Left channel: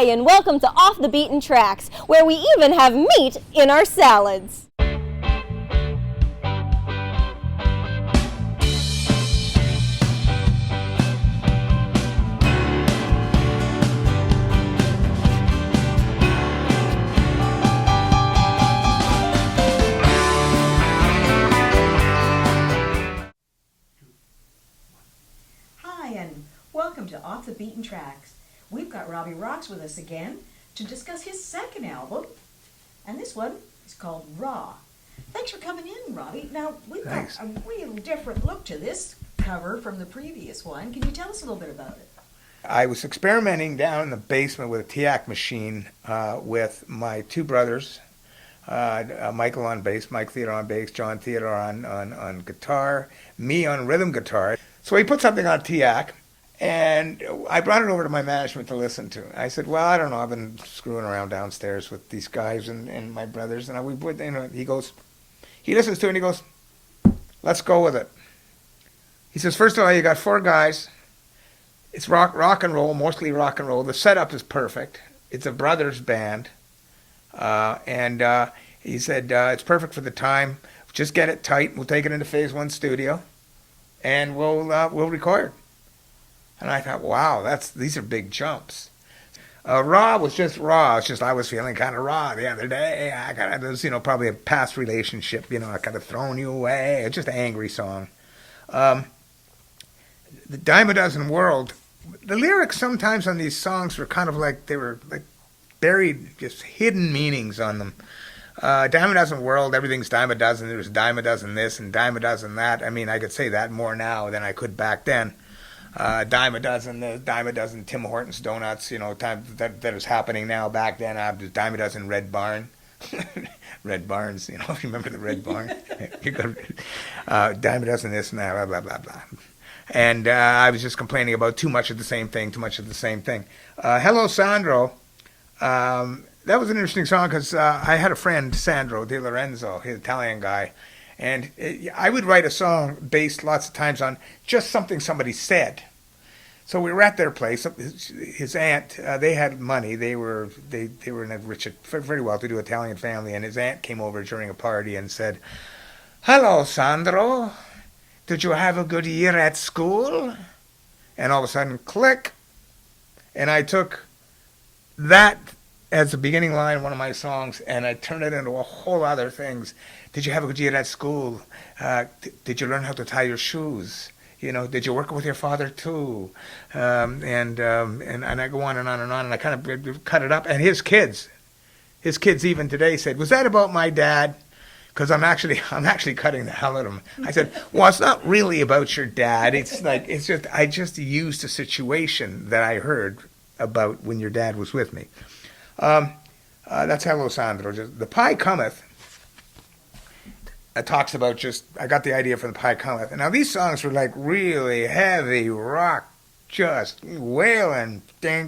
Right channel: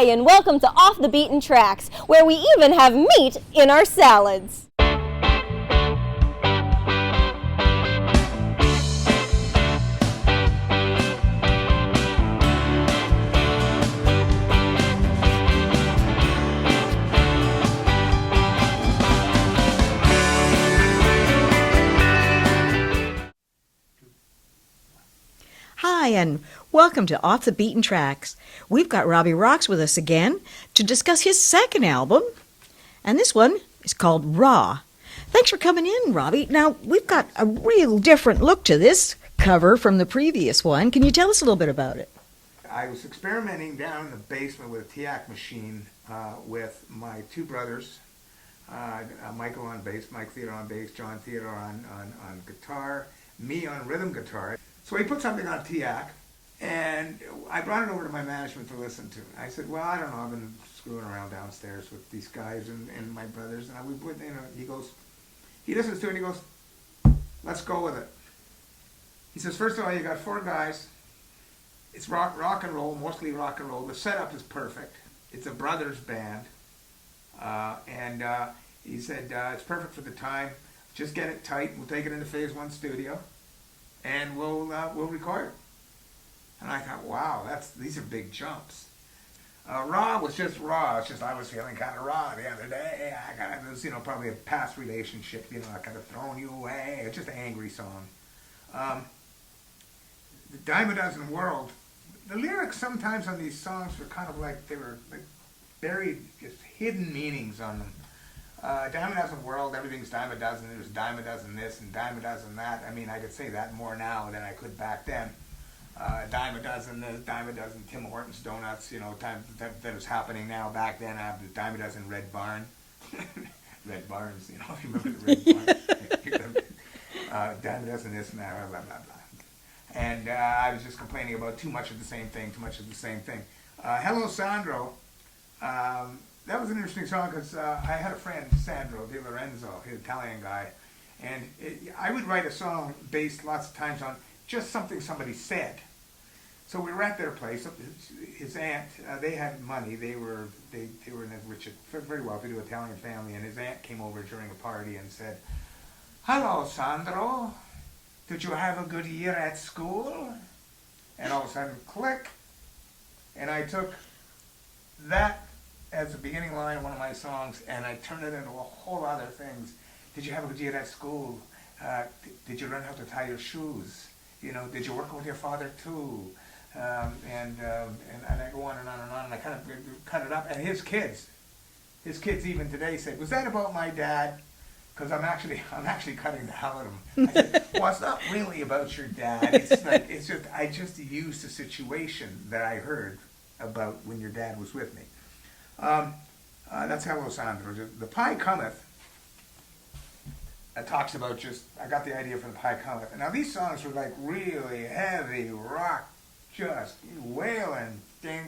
Hi, and welcome to Off the Beaten Tracks, where we even have meat in our salads. Hi, and welcome to Off the Beaten Tracks. We've got Robbie Rox with us again to discuss his second album, and this one is called Raw. Thanks for coming in, Robbie. Now, we've got a real different look to this cover from the previous one. Can you tell us a little bit about it? I was experimenting down in the basement with a TIAC machine with my two brothers, Michael on bass, Mike Theodore on bass, John Theodore on guitar, me on rhythm guitar. So we put something on TIAC, and I brought it over to my management to listen to. I said, well, I don't know, I've been screwing around downstairs with these guys and my brothers, and he listens to it and he goes, let's go with it. He says, first of all, you got four guys. It's rock and roll, mostly rock and roll. The setup is perfect. It's a brothers band. And he said, it's perfect for the time. Just get it tight. We'll take it into Phase 1 studio, and we'll record. And I thought, wow, these are big jumps. Raw was just raw. It's just I was feeling kind of raw the other day. There was, probably a past relationship. I kind of thrown you away. It's just an angry song. The Dime a Dozen World, the lyrics sometimes on these songs were kind of like they were like buried, just hidden meanings on them. Dime a Dozen World, everything's dime a dozen. There's dime a dozen this and dime a dozen that. I mean, I could say that more now than I could back then. Dime a dozen Tim Hortons donuts, time that is happening now. Back then, dime a dozen Red Barn. Red Barns, if you remember the Red Barn. Dime a dozen this and that, blah, blah, blah, blah. And I was just complaining about too much of the same thing. Hello, Sandro. That was an interesting song because I had a friend, Sandro De Lorenzo, he's an Italian guy, and I would write a song based lots of times on just something somebody said. So we were at their place. His aunt, they had money. They were in a rich, very well-to-do Italian family, and his aunt came over during a party and said, "Hello, Sandro. Did you have a good year at school?" And all of a sudden, click, and I took that as the beginning line of one of my songs, and I turned it into a whole other things. Did you have a good year at school? Did you learn how to tie your shoes? Did you work with your father too? And I go on and on and on, and I kind of cut it up. And his kids even today said, "Was that about my dad?" Because I'm actually cutting the hell out of him. I said, "Well, it's not really about your dad. I just used a situation that I heard about when your dad was with me." That's Hello, Sandro. The Pie Cometh talks about I got the idea from The Pie Cometh. And now these songs were like really heavy rock, just wailing. It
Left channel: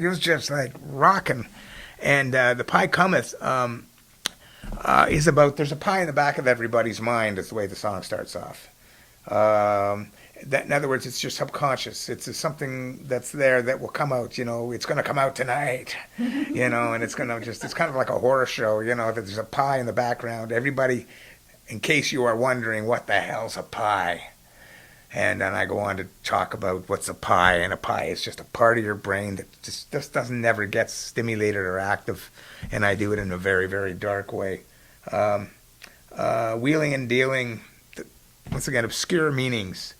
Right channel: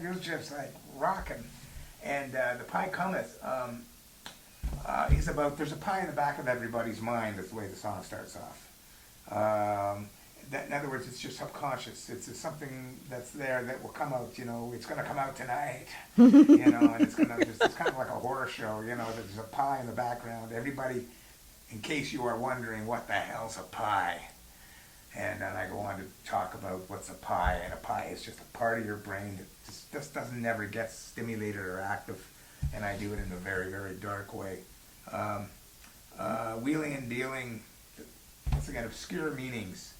was just like rocking. And The Pie Cometh is about, there's a pie in the back of everybody's mind. That's the way the song starts off. In other words, it's just subconscious. It's something that's there that will come out. It's going to come out tonight. And it's kind of like a horror show. That there's a pie in the background. Everybody, in case you are wondering, what the hell's a pie? And then I go on to talk about what's a pie, and a pie is just a part of your brain that just doesn't never get stimulated or active. And I do it in a very, very dark way. Wheeling and dealing. Once again, obscure meanings.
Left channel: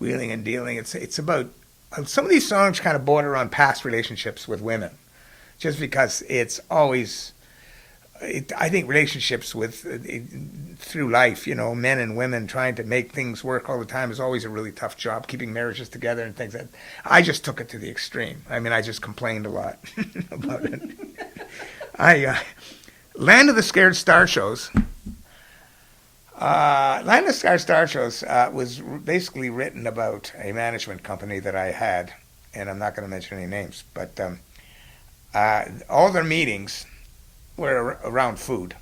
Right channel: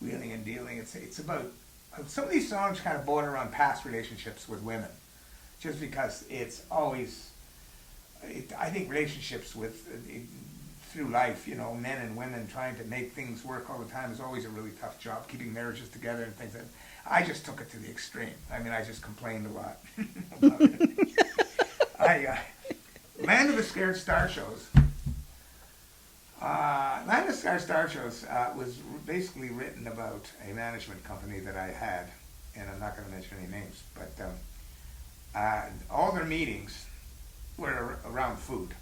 Wheeling and dealing. It's about some of these songs kind of border on past relationships with women, just because it's always. I think relationships through life, men and women trying to make things work all the time is always a really tough job. Keeping marriages together and things like that. I just took it to the extreme. I mean, I just complained a lot about it. Land of the Scared Star Shows. Land of the Star Shows was basically written about a management company that I had, and I'm not going to mention any names, but all their meetings were around food.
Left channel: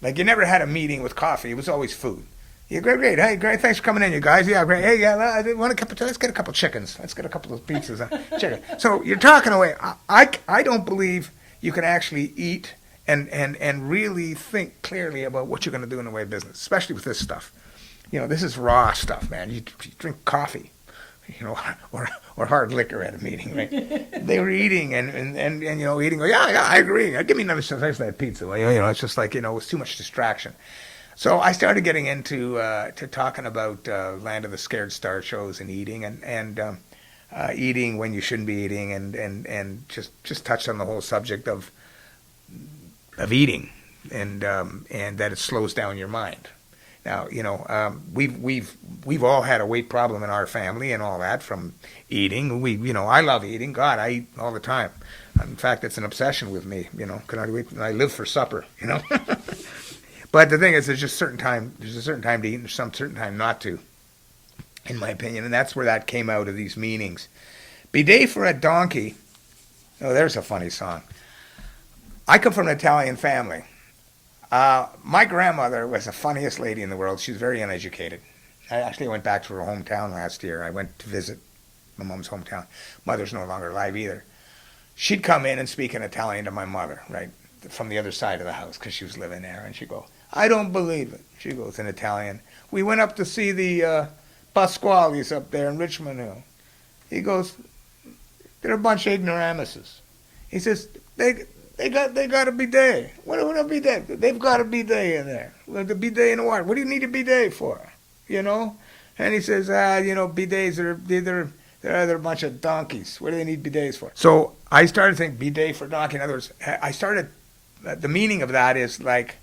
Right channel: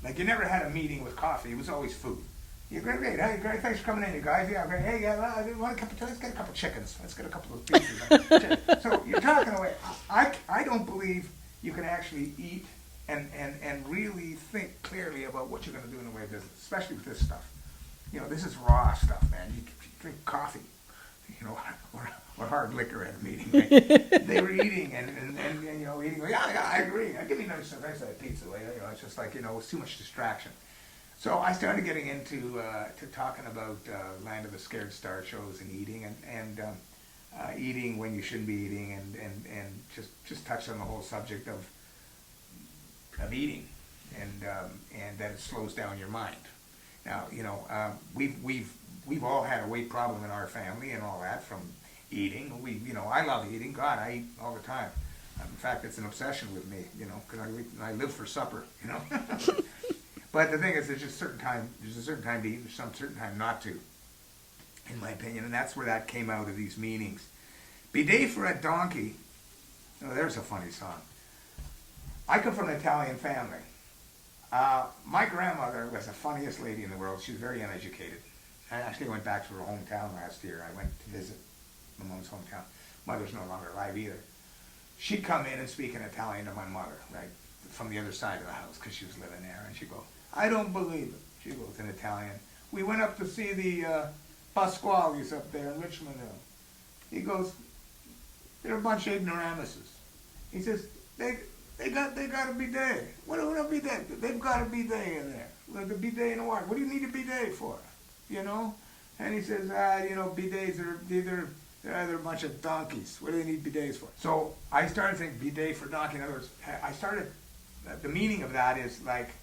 Like, you never had a meeting with coffee. It was always food. Yeah, great, great. Hey, great. Thanks for coming in, you guys. Yeah, great. Hey, yeah, want a couple? Let's get a couple chickens. Let's get a couple of pieces of chicken. So you're talking away. I don't believe you can actually eat and really think clearly about what you're going to do in the way of business, especially with this stuff. You know, this is raw stuff, man. You drink coffee, you know, or hard liquor at a meeting. Right? They were eating and you know, eating. Yeah, I agree. Give me another slice of that pizza. Well, you know, it's just like, you know, it's too much distraction. So I started getting into to talking about Land of the Scared Star shows and eating and eating when you shouldn't be eating and just touched on the whole subject of eating and that it slows down your mind. Now, you know, we've all had a weight problem in our family and all that from eating. You know, I love eating. God, I eat all the time. In fact, it's an obsession with me. You know, I live for supper. You know. But the thing is, there's a certain time to eat and there's some certain time not to, in my opinion. And that's where that came out of these meanings. Bidet for a donkey. Oh, there's a funny song. I come from an Italian family. My grandmother was the funniest lady in the world. She was very uneducated. I actually went back to her hometown last year. I went to visit my mom's hometown. Mother's no longer alive either. She'd come in and speak in Italian to my mother, right, from the other side of the house because she was living there. And she'd go, I don't believe it. She goes in Italian. We went up to see the Pasquales up there in Richmond Hill. He goes, they're a bunch of ignoramuses. He says, they got a bidet. What a bidet? They've got a bidet in there. Well, the bidet in the water. What do you need a bidet for? You know? And he says, you know, bidets are they're a bunch of donkeys. What do they need bidets for? So I started thinking bidet for donkey. In other words, the meaning of that is like,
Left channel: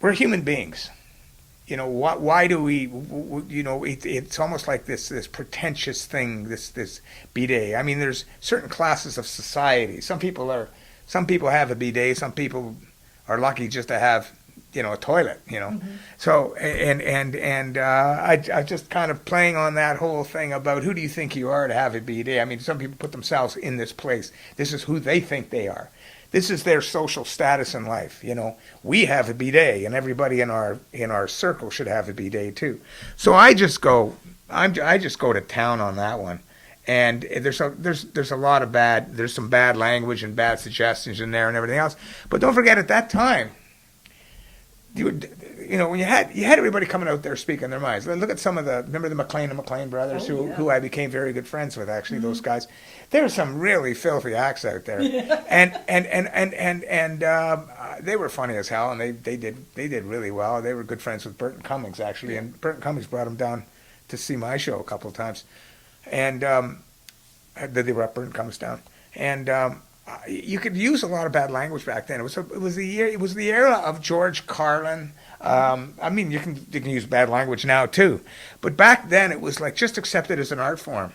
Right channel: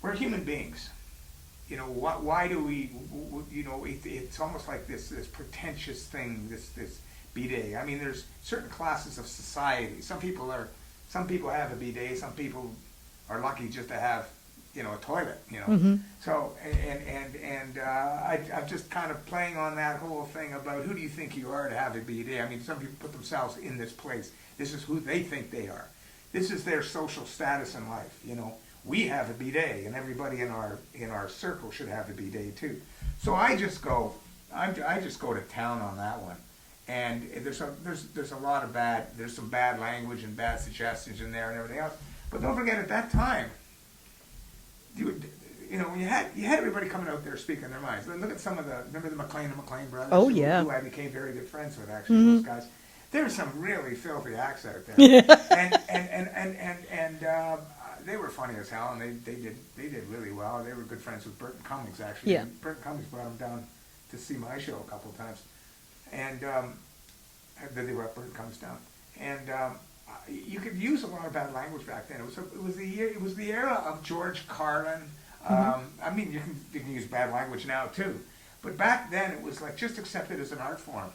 we're human beings. You know, why do we, you know, it's almost like this pretentious thing, this bidet. I mean, there's certain classes of society. Some people have a bidet. Some people are lucky just to have, you know, a toilet, you know. Mm-hmm. So, I just kind of playing on that whole thing about who do you think you are to have a bidet. I mean, some people put themselves in this place. This is who they think they are. This is their social status in life, you know. We have a bidet, and everybody in our circle should have a bidet too. So I just go to town on that one, and there's a lot of there's some bad language and bad suggestions in there and everything else. But don't forget, at that time, you know, when you had everybody coming out there speaking their minds. Look at remember the McLean and McLean brothers, who I became very good friends with. Actually, those guys. There are some really filthy acts out there, and they were funny as hell, and they did really well. They were good friends with Burton Cummings, actually, and Burton Cummings brought them down to see my show a couple of times, and they brought Burton Cummings down, and you could use a lot of bad language back then. It was the era of George Carlin. I mean, you can use bad language now too, but back then it was like just accepted as an art form.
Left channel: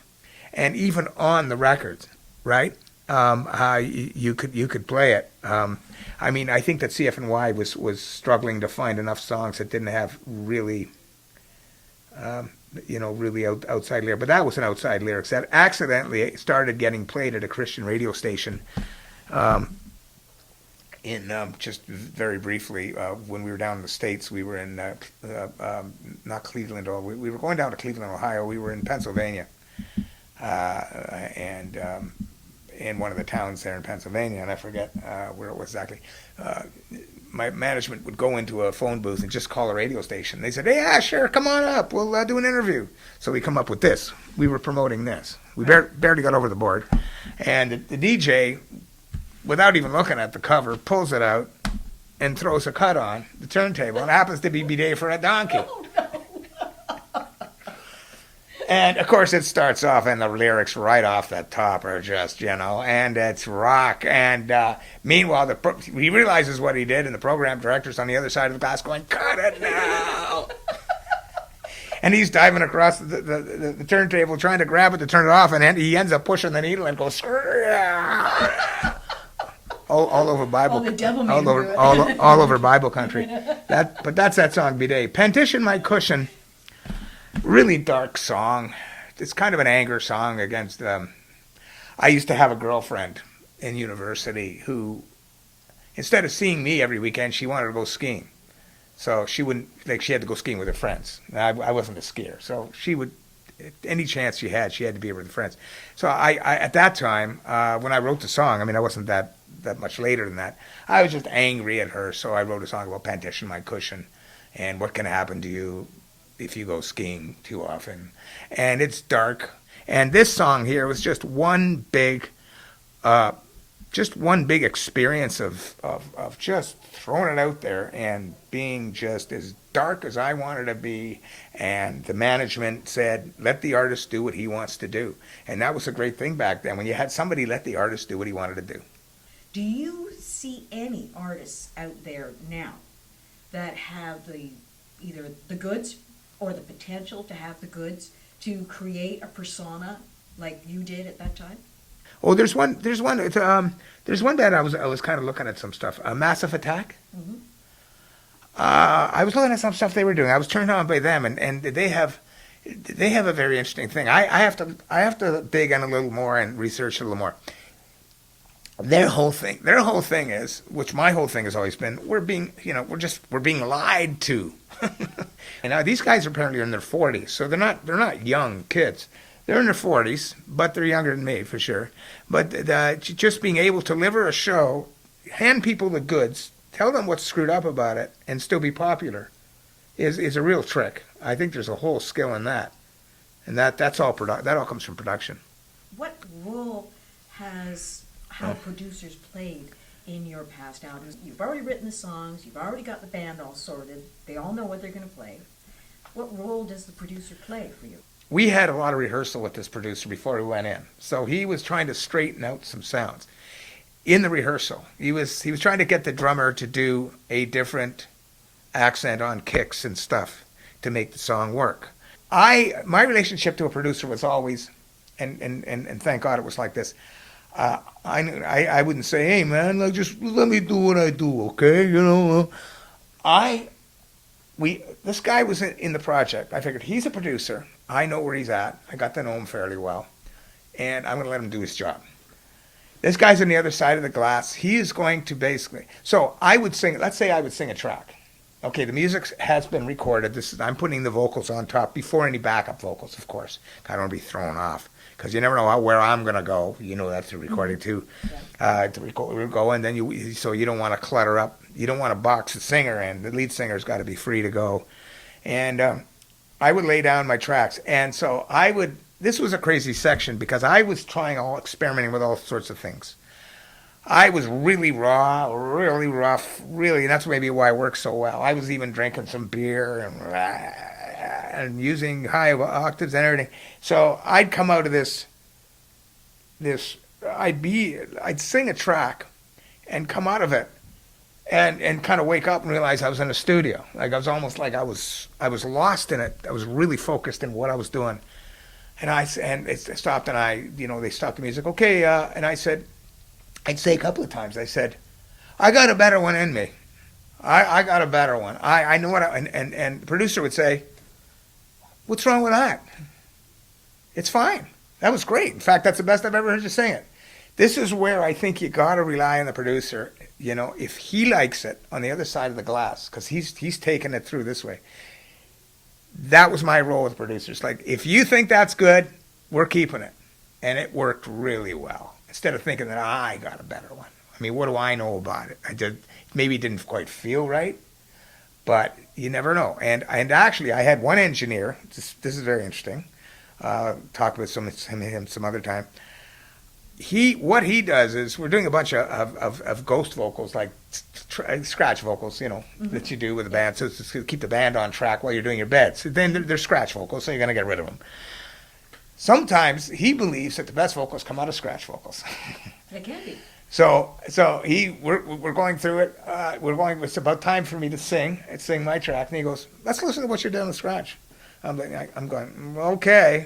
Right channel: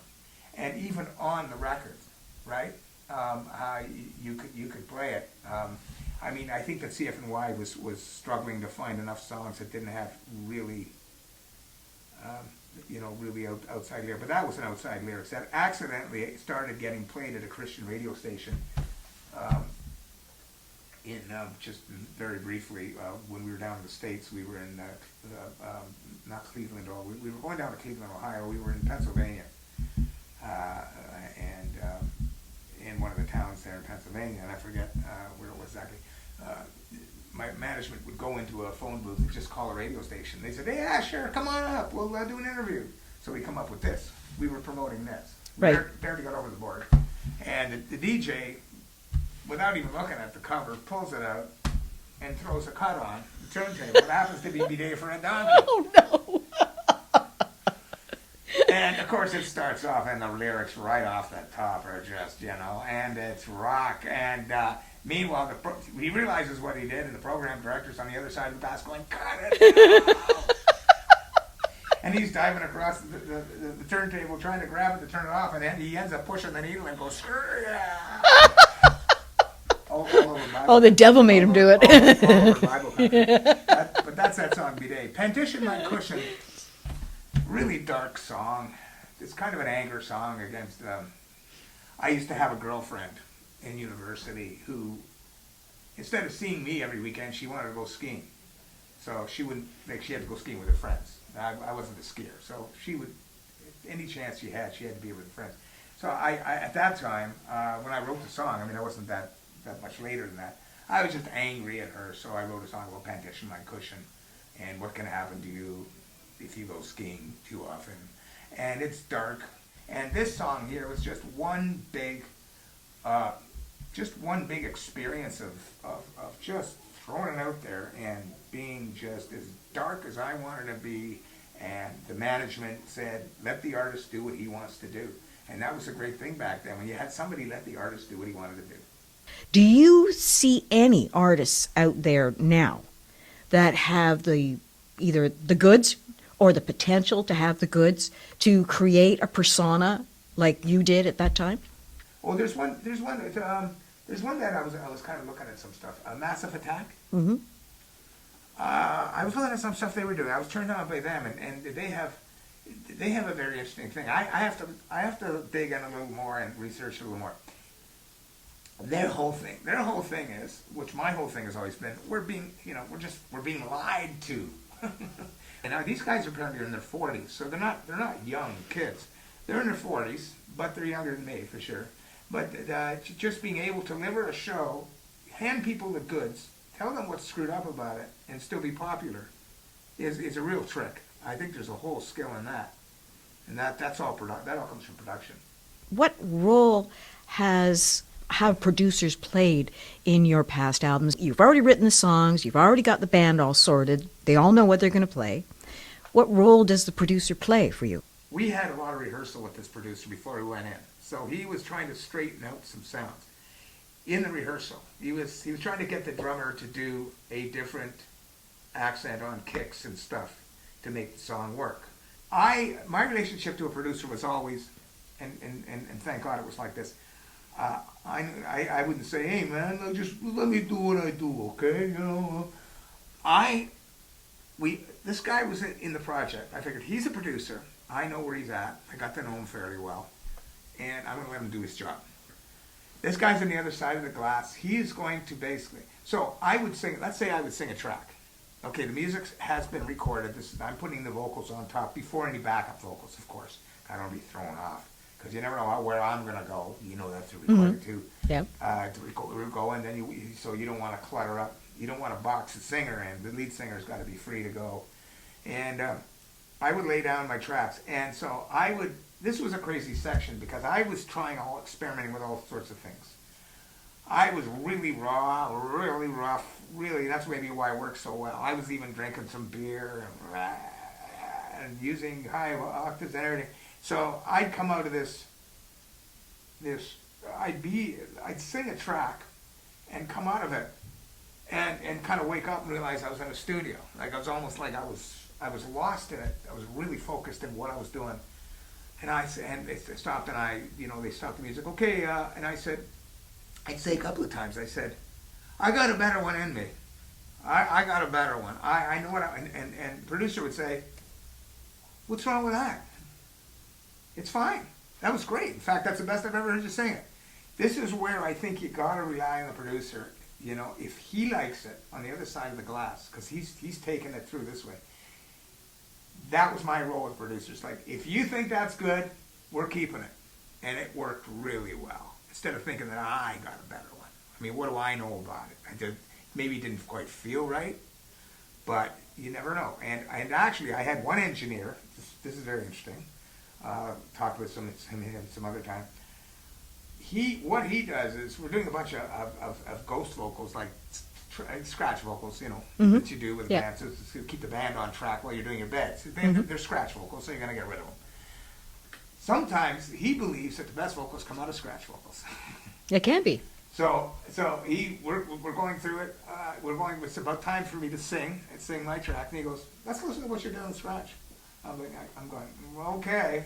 And even on the records, right? You could play it. I mean, I think that CFNY was struggling to find enough songs that didn't have really, really outside lyrics. But that was an outside lyrics that accidentally started getting played at a Christian radio station. Just very briefly, when we were down in the States, we were in not Cleveland, we were going down to Cleveland, Ohio. We were in Pennsylvania. And in one of the towns there in Pennsylvania, and I forget where it was exactly, my management would go into a phone booth and just call a radio station. They said, hey, yeah, sure, come on up. We'll do an interview. So we come up with this. We were promoting this. We barely got over the board. And the DJ, without even looking at the cover, pulls it out and throws a cut on the turntable. And it happens to be Bidet for a Donkey. Oh, no. And, of course, it starts off, and the lyrics right off the top are just, you know, and it's rock. And meanwhile, he realizes what he did, and the program director's on the other side of the glass going, cut it now! And he's diving across the turntable, trying to grab it to turn it off, and he ends up pushing the needle and goes, all over Bible. Oh, the devil made him do it. all over Bible country. But that's that song, Bidet. Pantission My Cushion. Really dark song. It's kind of an anger song against. I used to have a girlfriend in university who, instead of seeing me every weekend, she wanted to go skiing. So she wouldn't, like, she had to go skiing with her friends. I wasn't a skier. So she would, any chance she had to be with her friends. So I at that time, when I wrote the song, I mean, I wasn't that much later than that. I was just angry at her, so I wrote a song about Pantission, my cushion, and what can happen to you if you go skiing too often. And it's dark. And this song here was just one big experience of just throwing it out there and being just as dark as I wanted to be. And the management said, let the artist do what he wants to do. And that was a great thing back then, when you had somebody let the artist do what he wanted to do. Do you see any artists out there now that have either the goods or the potential to have the goods to create a persona like you did at that time? Oh, there's one band I was kind of looking at some stuff. Massive Attack. Mm-hmm. I was looking at some stuff they were doing. I was turned on by them, and they have a very interesting thing. I have to dig in a little more and research a little more. Their whole thing is, which my whole thing has always been, we're being lied to. And now these guys are apparently in their 40s, so they're not young kids. They're in their 40s, but they're younger than me for sure. But just being able to deliver a show, hand people the goods, tell them what's screwed up about it, and still be popular, is a real trick. I think there's a whole skill in that, and that all comes from production. What role have producers played in your past albums? You've already written the songs, you've already got the band all sorted, they all know what they're going to play. What role does the producer play for you? We had a lot of rehearsal with this producer before we went in, so he was trying to straighten out some sounds. In the rehearsal, he was trying to get the drummer to do a different accent on kicks and stuff to make the song work. My relationship to a producer was always, and thank God it was like this. I wouldn't say, hey man, just let me do what I do, okay? This guy was in the project. I figured he's a producer. I know where he's at. I got to know him fairly well, and I'm going to let him do his job. This guy's on the other side of the glass. He is going to basically. So I would sing. Let's say I would sing a track. Okay, the music has been recorded. I'm putting the vocals on top before any backup vocals, of course. I don't want to be thrown off, because you never know where I'm going to go. You know that's the recording too. Yeah. To go, and then you don't want to clutter up. You don't want to box the singer in. The lead singer's got to be free to go. And I would lay down my tracks, and so this was a crazy section because I was experimenting with all sorts of things. I was really raw, really rough, really, and that's maybe why it works so well. I was even drinking some beer and using high octaves and everything. So I'd come out of I'd sing a track and come out of it and kind of wake up and realize I was in a studio. Like I was almost like I was lost in it. I was really focused in what I was doing. And it stopped, and they stopped the music. Okay, and I'd say a couple of times, I said, I got a better one in me. I got a better one. I know what and the producer would say, what's wrong with that? It's fine. That was great. In fact, that's the best I've ever heard you sing it. This is where I think you got to rely on the producer. If he likes it on the other side of the glass, because he's taking it through this way. That was my role with producers. Like, if you think that's good, we're keeping it. And it worked really well. Instead of thinking that I got a better one. I mean, what do I know about it? Maybe it didn't quite feel right, but you never know. And actually, I had one engineer. This is very interesting. Talked with him some other time. What he does is, we're doing a bunch of ghost vocals, like scratch vocals, that you do with a band, so it's to keep the band on track while you're doing your beds. So then they're scratch vocals, so you're going to get rid of them. Sometimes he believes that the best vocals come out of scratch vocals. It can be. So we're going through it. It's about time for me to sing my track, and he goes, let's listen to what you're doing with scratch. I'm going, okay.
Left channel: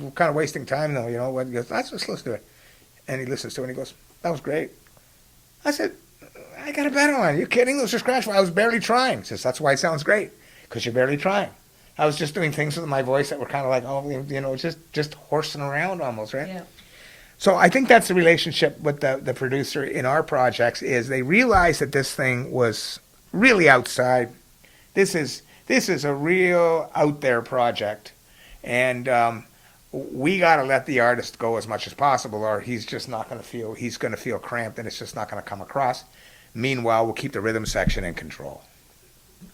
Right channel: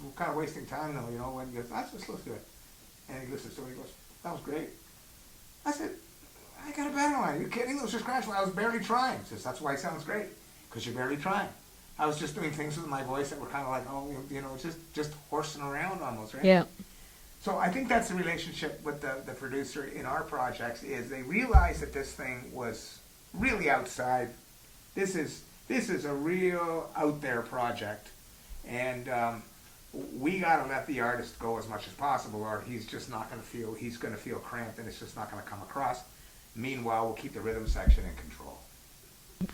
We're kind of wasting time though, He goes, let's just listen to it. And he listens to it and he goes, that was great. I said, I got a better one. Are you kidding? Those are scratch. I was barely trying. He says, that's why it sounds great, because you're barely trying. I was just doing things with my voice that were kind of like, just horsing around almost, right? Yeah. So I think that's the relationship with the producer in our projects, is they realized that this thing was really outside. This is a real out there project, and we got to let the artist go as much as possible, or he's just not going to feel cramped, and it's just not going to come across. Meanwhile, we'll keep the rhythm section in control.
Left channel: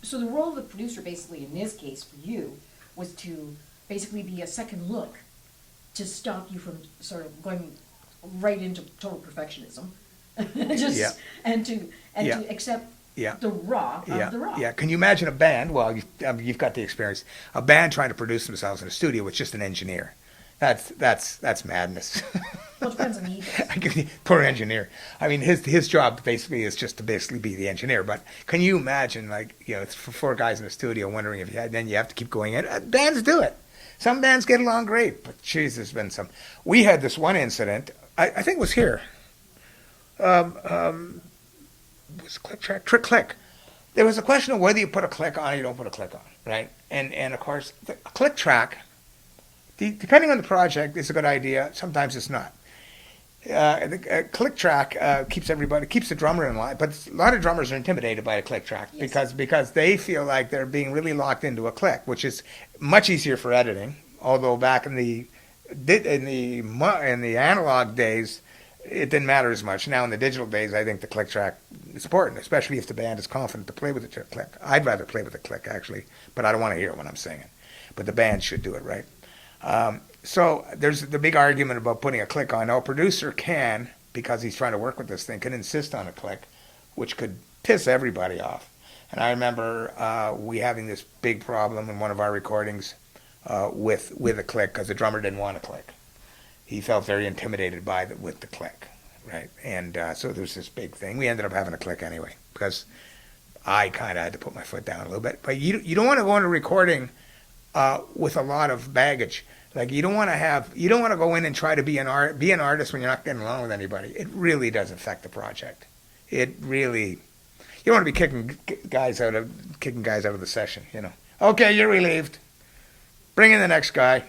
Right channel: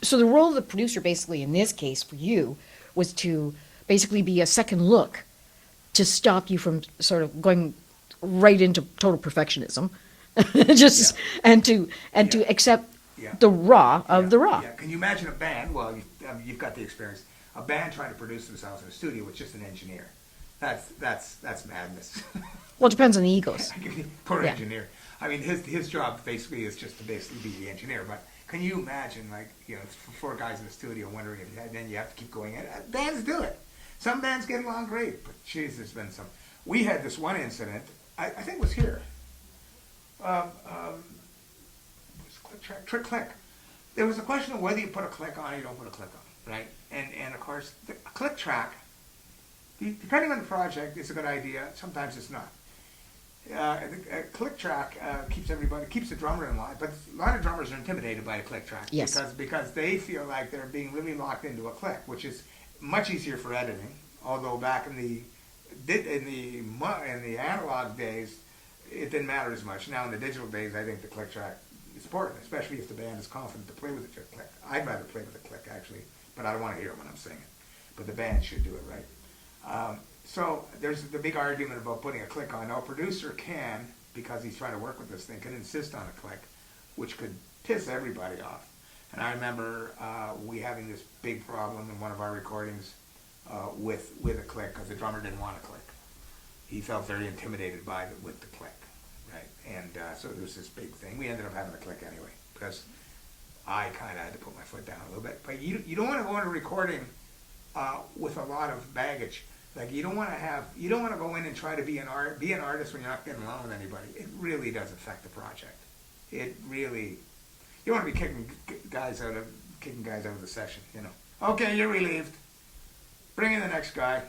So the role of the producer, basically, in this case for you, was to basically be a second look to stop you from sort of going right into total perfectionism, and to accept the raw of the raw. Yeah. Can you imagine a band? Well, you've got the experience. A band trying to produce themselves in a studio with just an engineer. That's madness. Well, it depends on the egos. Poor engineer. I mean, his job basically is just to basically be the engineer. But can you imagine, like, it's for four guys in the studio wondering if then you have to keep going in. Bands do it. Some bands get along great, but geez, there's been some. We had this one incident. I think it was here. Was click track click. There was a question of whether you put a click on or you don't put a click on, right? And of course, a click track, depending on the project, is a good idea. Sometimes it's not. The click track keeps the drummer in line, but a lot of drummers are intimidated by a click track because they feel like they're being really locked into a click, which is much easier for editing. Although back in the analog days, it didn't matter as much. Now in the digital days, I think the click track is important, especially if the band is confident to play with the click. I'd rather play with the click actually, but I don't want to hear it when I'm singing. But the band should do it right. So there's the big argument about putting a click on. Now, a producer can, because he's trying to work with this thing, can insist on a click, which could piss everybody off. And I remember we having this big problem in one of our recordings with a click because the drummer didn't want a click. He felt very intimidated with the click, right? And so there's this big thing. We ended up having a click anyway because I kind of had to put my foot down a little bit. But you don't want to go into recording with a lot of baggage. Like you don't want to go in and try to be an artist when you're not getting along with anybody. It really does affect the project. You don't want to be kicking guys out of the session. Okay, you're relieved. Bring in the next guy.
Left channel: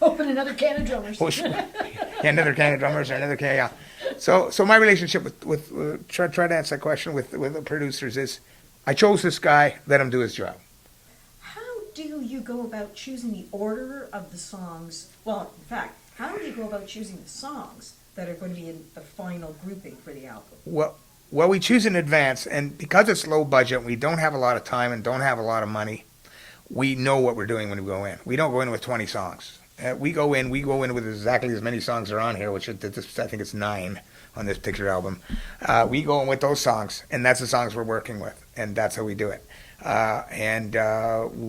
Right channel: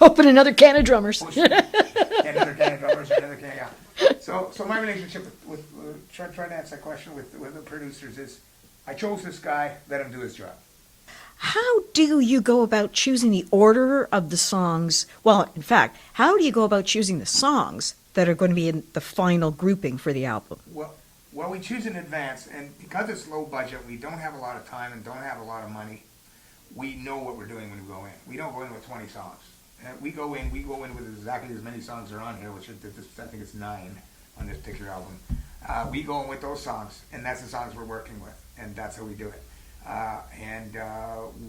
Open another can of drummers. Another can of drummers, another can. Yeah. So my relationship with try to answer that question with the producers is, I chose this guy. Let him do his job. How do you go about choosing the order of the songs? Well, in fact, how do you go about choosing the songs that are going to be in the final grouping for the album? Well, we choose in advance, and because it's low budget, we don't have a lot of time and don't have a lot of money. We know what we're doing when we go in. We don't go in with 20 songs. We go in with exactly as many songs are on here, which is, I think it's 9 on this picture album. We go in with those songs, and that's the songs we're working with, and that's how we do it. And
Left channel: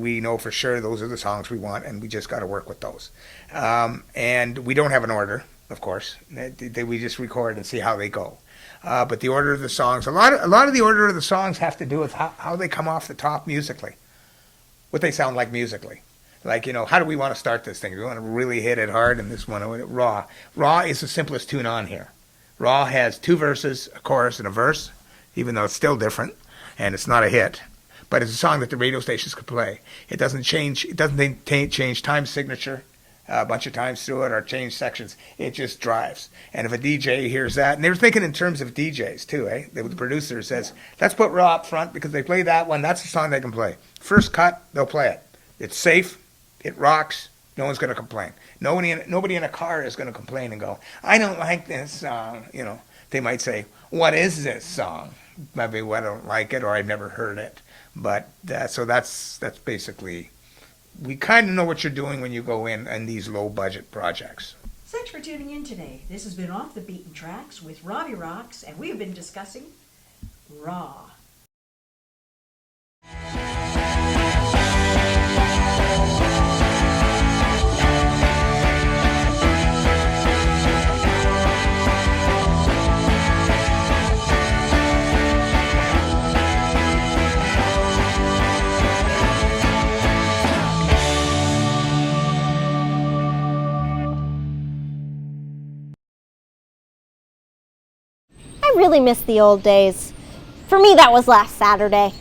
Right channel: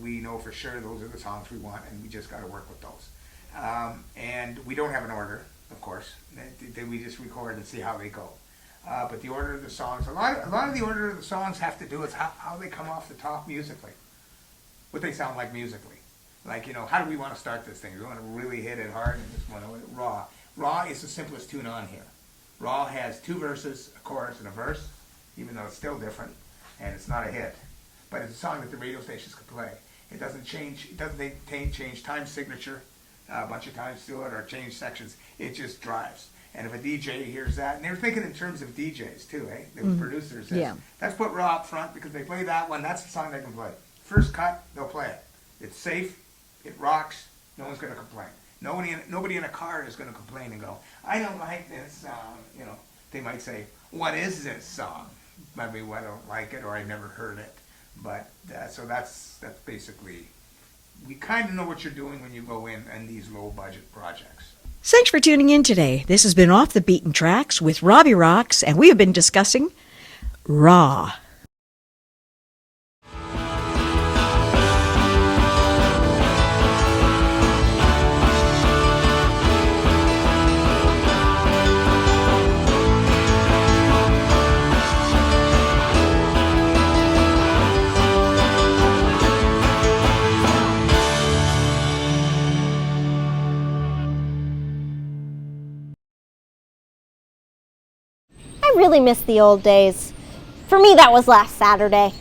we know for sure those are the songs we want, and we just got to work with those. And we don't have an order, of course. We just record and see how they go. But the order of the songs, a lot of the order of the songs have to do with how they come off the top musically, what they sound like musically. Like, how do we want to start this thing? Do we want to really hit it hard? And this one, Raw. Raw is the simplest tune on here. Raw has 2 verses, a chorus, and a verse, even though it's still different, and it's not a hit. But it's a song that the radio stations could play. It doesn't change. It doesn't change time signature a bunch of times through it or change sections. It just drives. And if a DJ hears that, and they were thinking in terms of DJs too, The producer says, let's put Raw up front because they play that one. That's the song they can play. First cut, they'll play it. It's safe. It rocks. No one's going to complain. Nobody in a car is going to complain and go, I don't like this song. They might say, what is this song? Maybe I don't like it or I've never heard it. But that's basically, we kind of know what you're doing when you go in these low budget projects. Thanks for tuning in today. This has been Off the Beaten Tracks with Robbie Rox, and we have been discussing Raw. I really miss the old days. For me, that was last Saturday.